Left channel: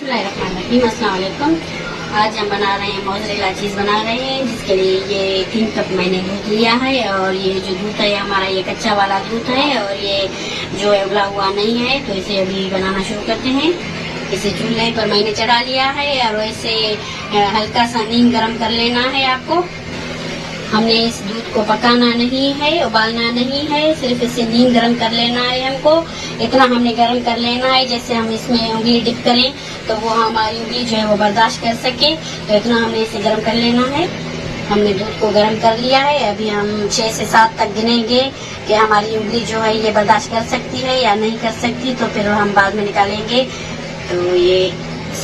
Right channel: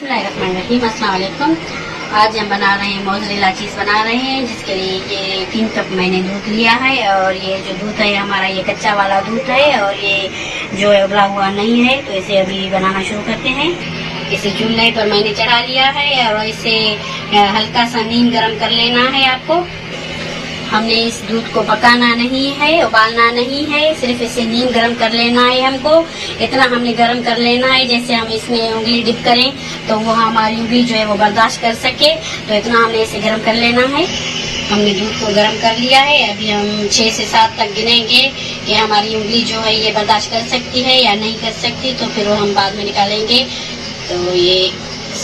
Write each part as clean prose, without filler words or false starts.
बिस्मिल्लाहिर्रहमानिर्रहीम, अस्सलाम वालेकुम। आज हम बना रहे हैं मोज़रेला चीज़ बना रहे हैं, जिसके लिए ये 3 कप मैंने दूध लिया है। और ये जो दूध है हमारा ये कच्चा वाला दूध है, और ये जो है उबला हुआ नहीं है। तो इसे अभी बनाना शुरू करते हैं। इसे चूल्हे पर मैंने चढ़ा लिया है, और इसे हल्का सा नीम गर्म कर लेना है आपको। हमने इस दूध को पकाना नहीं है, उबालना नहीं है, सिर्फ इसे नीम गर्म कर लेना है हमको। इतना हमने गर्म कर लेना है जैसे हम इसमें उंगली डिप करें तो वो हमारी उंगली जो है वो बर्दाश्त कर सके। तो इतना हमने इसे गर्म कर लेना है। हमने दूध को गर्म कर लिया है। अभी हम 6 से 7 तक गिनेंगे कि हमारी उंगली जो है ये बर्दाश्त कर सकती है या नहीं कर सकती, तो फिर हम बाद में निकालेंगे। तो ये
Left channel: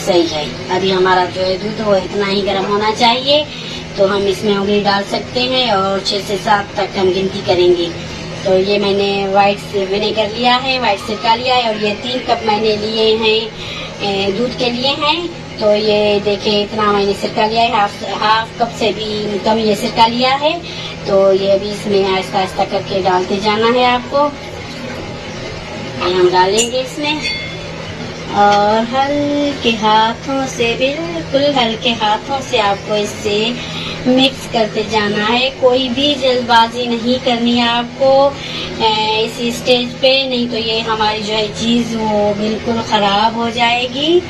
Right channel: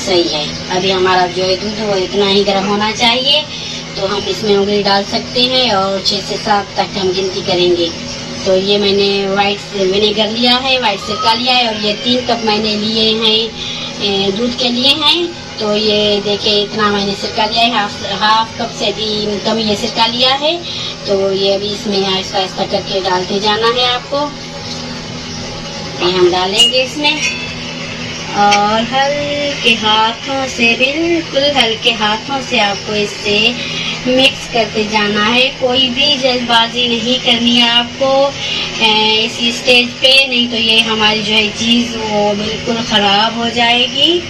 सही है। अभी हमारा जो है दूध वो इतना ही गर्म होना चाहिए, तो हम इसमें उंगली डाल सकते हैं और 6 से 7 तक हम गिनती करेंगे। तो ये मैंने वाइट विनेगर लिया है, वाइट सिरका लिया है, और ये 3 कप मैंने लिए हैं दूध के लिए हैं। तो ये देखिए इतना मैंने सिरका लिया है, हाफ कप से भी कम ये सिरका लिया है। तो ये अभी इसमें आहिस्ता आहिस्ता करके डालते जाना है आपको। ये हम डालेंगे इसमें, और हल्के हाथों से, बिल्कुल हल्के हाथों से आपको इससे मिक्स करते जाना है। कोई भी जल्दबाजी नहीं करनी है आपको इसी स्टेज पे, नहीं तो ये हमारी जो है चीज़ वो बिल्कुल ख़राब हो जाएगी।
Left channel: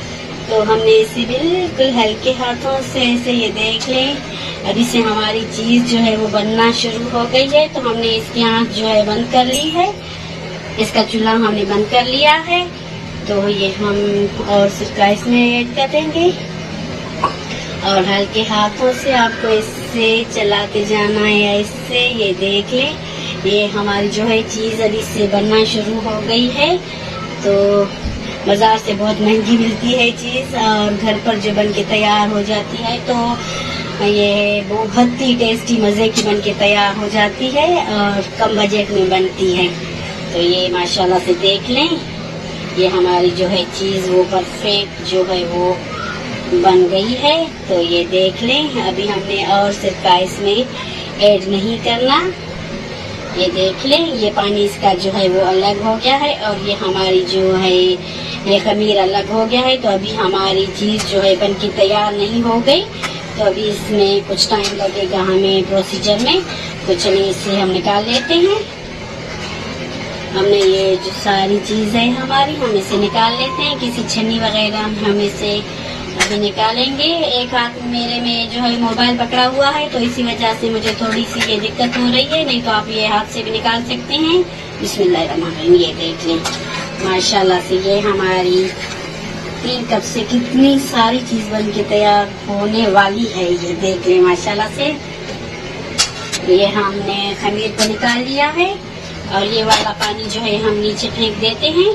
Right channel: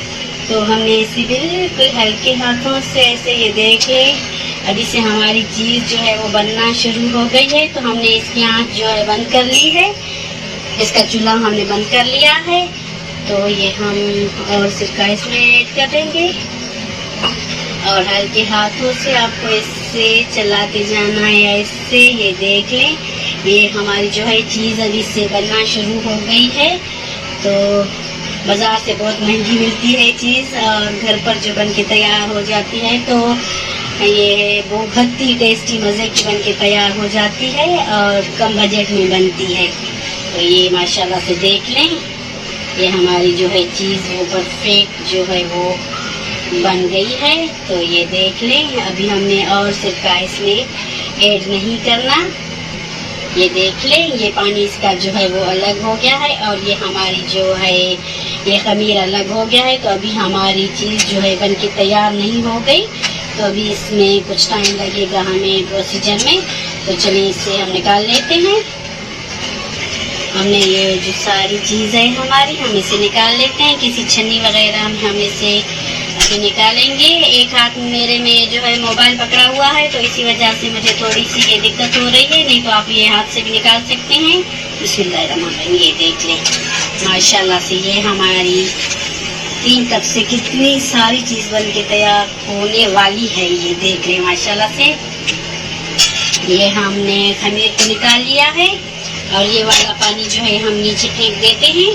तो हमने इसे बिल्कुल हल्के हाथों से ऐसे, ये देख लें अभी से हमारी चीज़ जो है वो बनना शुरू हो गई है। तो हमने इसकी आँच जो है बंद कर ली है, इसका चूल्हा हमने बंद कर लिया है। तो ये हम और सिरका इसमें ऐड करेंगे, और हल्के हाथों से आपको इससे चलाते जाना है ऐसे। ये देख लें ये हमारी जो है चीज़ अभी से बनना शुरू हो गई है। तो बाज़ार से बहुत महंगी मिलती है चीज़, और घर पर जो बन के तैयार हो जाती है तो ये बहुत ही टेस्टी मज़े की बन के तैयार हो जाती है, और कम बजट में बनती है। तो ये माशाल्लाह से देख लें ये हमारी जो है चीज़ वो परफेक्ट जो है वो बन गई है। तो ये देख लें अभी हमने और सिरका इसमें ऐड नहीं करना। ये देख लें ये पानी इसका जो है वो अलग हो गया है, और ये हमारी जो है ये खमीर अलग हो गया है। तो अभी हमारी चीज़ जो है बन के तैयार नहीं हो गई, तो अभी इसमें कुछ टाइम लगेगा हमें प्रोसीजर में। तो चलिए इसे हम निकाल लेते हैं। हमने ये जो सारी चीज़ें हमारी हम इसे निकाल लेते हैं, किसी छन्नी वगैरह में हम इसे अभी निकालेंगे। एक हाथ मेरे में जो है मोबाइल पकड़ा हुआ है, तो इसी वजह से मुझे थोड़ी सी ये दिक्कत हो रही है, नहीं तो आप ये हाथ से भी निकाल सकते हैं। बिस्मिल्लाहिर्रहमानिर्रहीम। ये देख लें माशाल्लाह से ये हमारी 3 कप से कितनी सारी चीज़ बन के तैयार होने वाली है। ये देख लें माशाल्लाह से ये हमने खमीर को निकाल लिया है, और ये वाला पानी जो है हम नीचे फेंक देते हैं।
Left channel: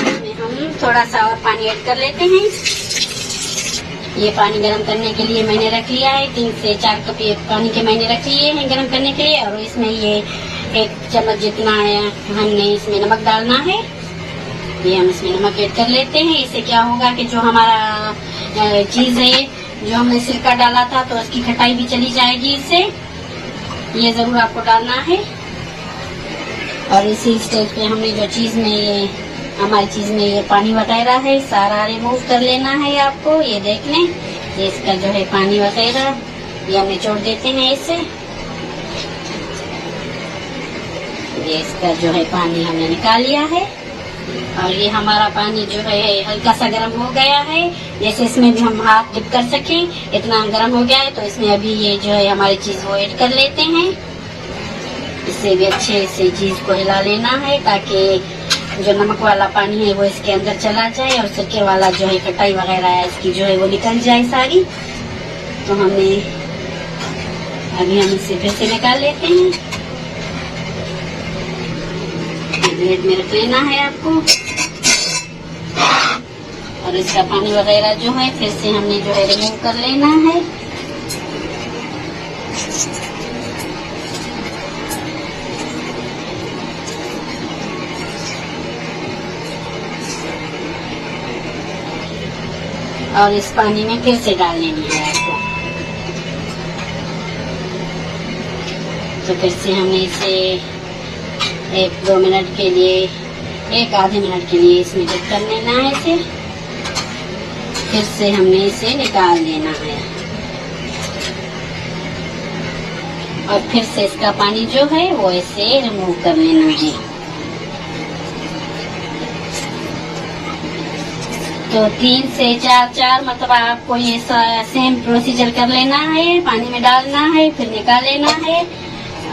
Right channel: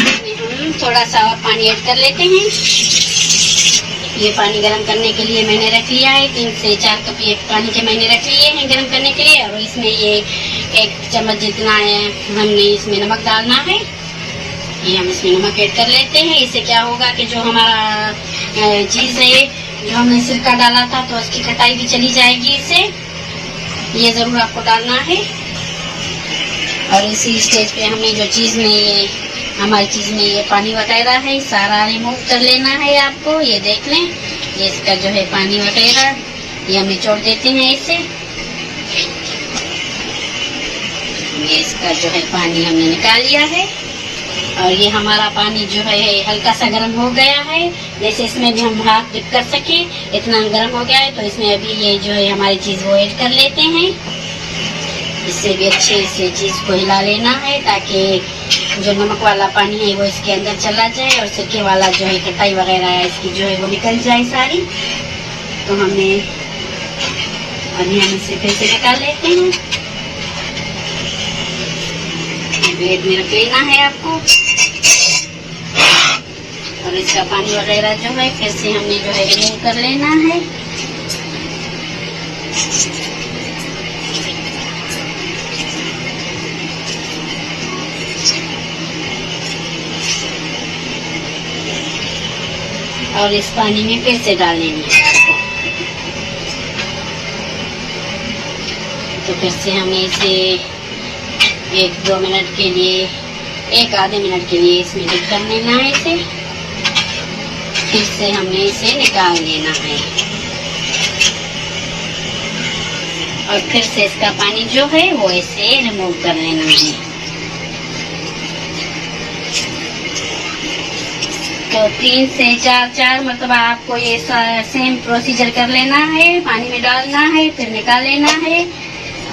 इसमें हम थोड़ा सा और पानी ऐड कर लेते हैं। ये पानी गर्म करने के लिए मैंने रख लिया है, 3 से 4 कप ये पानी के मैंने रख लिए हैं गर्म करने के लिए। और इसमें ये 1 चम्मच जितना है हमने इसमें नमक डालना है। ये हम इसमें नमक ऐड कर लेते हैं। इससे क्या होगा कि जो हमारा चीज़ है जो हमने सिरका डाला था तो उसकी खटाई भी चली जाएगी इससे। ये ज़रूर आपको डालना है। और इसी स्टेज पे हमने जो चीज़ में ये हमारी चीज़ में ये पानी वगैरह है सारा रिमूव कर लेना है आपको। ये देख लें ये इसका जो है पानी वगैरह ये हम निचोड़ देते हैं इससे। ये इसका जो है पानी हमने निकाल लिया है, और ये हमारा पानी जो है हल्का सा गर्म हो गया है, जैसे इसमें भी हम हाथ डिप कर सकें इतना गर्म हो गया है। तो इसमें अभी ये जो है हमारी चीज़ वो ऐड कर लेते हैं। इससे भी अच्छे से चीज़ को हिला लेना है, ताकि जो नमक वाला पानी है वो इसके अंदर चला जाए, और सिरके वाला जो है खटाई वगैरह है इसकी जो है वो निकल जाए सारी। तो हमने अभी हम इसे फिर से निकाल लेते हैं। ये प्लेट में रख लेना है आपको, और इसका पानी वगैरह जो है फिर से हमने जो है रिमूव कर लेना है। और इस पानी में फिर से डाल लेनी है आपको। तो फिर से हमने इसे 1-2 मिनट के लिए एक आधे मिनट के लिए इसमें डिप कर लेना है इसे। फिर से हमने इसे निकाल लेना है और फिर से इसका पानी जो है वो ऐसे रिमूव कर लेना है। तो 3 से 4 मतलब आपको ये सेम प्रोसीजर कर लेना है। पानी में डालना है, फिर निकाल लेना है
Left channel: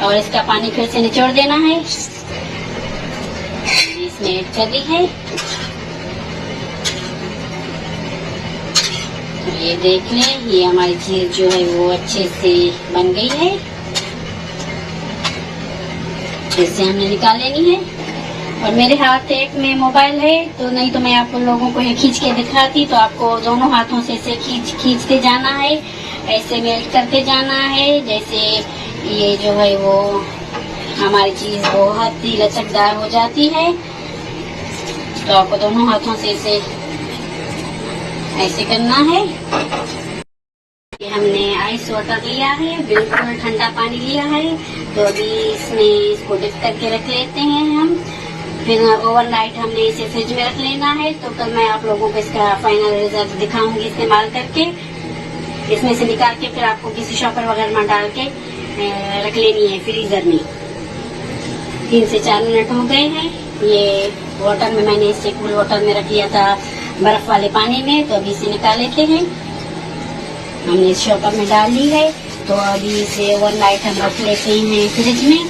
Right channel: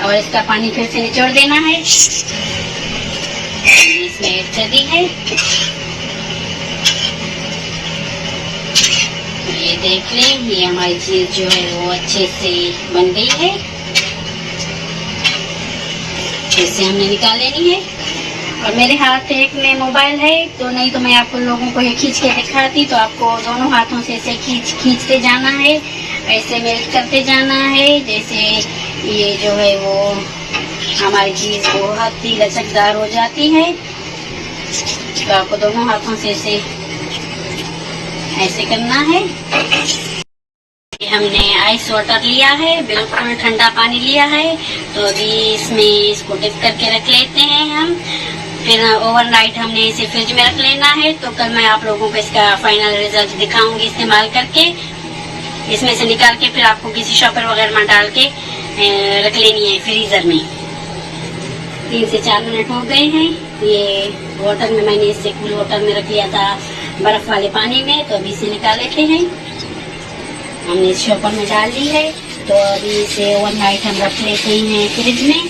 और इसका पानी फिर से निचोड़ देना है। इसमें ऐड कर दी है। तो ये देख लें, ये हमारी चीज जो है वो अच्छे से बन गई है। इसे हमने निकाल लेनी है। और मेरे हाथ एक में मोबाइल है, तो नहीं तो मैं आपको लोगों को ये खींच के दिखाती। तो आपको दोनों हाथों से इसे खींचते जाना है, ऐसे मेल्ट करते जाना है। जैसे ये जो है वो हमारी चीज बहुत ही लचकदार हो जाती है। तो आपको दोनों हाथों से इसे ऐसे करना है। हमने आइस वाटर लिया है, बिल्कुल ठंडा पानी लिया है। तो अभी इसमें इसको डिप करके रख लेते हैं हम। फिर ओवरनाइट हमने इसे फ्रिज में रख लेना है। तो कल मैं आप लोगों को इसका फाइनल रिजल्ट दिखाऊंगी इस्तेमाल करके। इसमें से निकाल के फिर आपको किसी शॉपर वगैरह में डाल के रख लेनी है फ्रीजर में। 3 से 4 मिनट हो गए हैं। ये वाटर में मैंने इसे कूल वाटर में रख लिया था, बर्फ वाले पानी में। तो अभी इसे निकाल लेते हैं। हमने इस शॉपर में डाल ली है। तो अभी इसे ओवरनाइट हम रख लेते हैं फ्रिज में।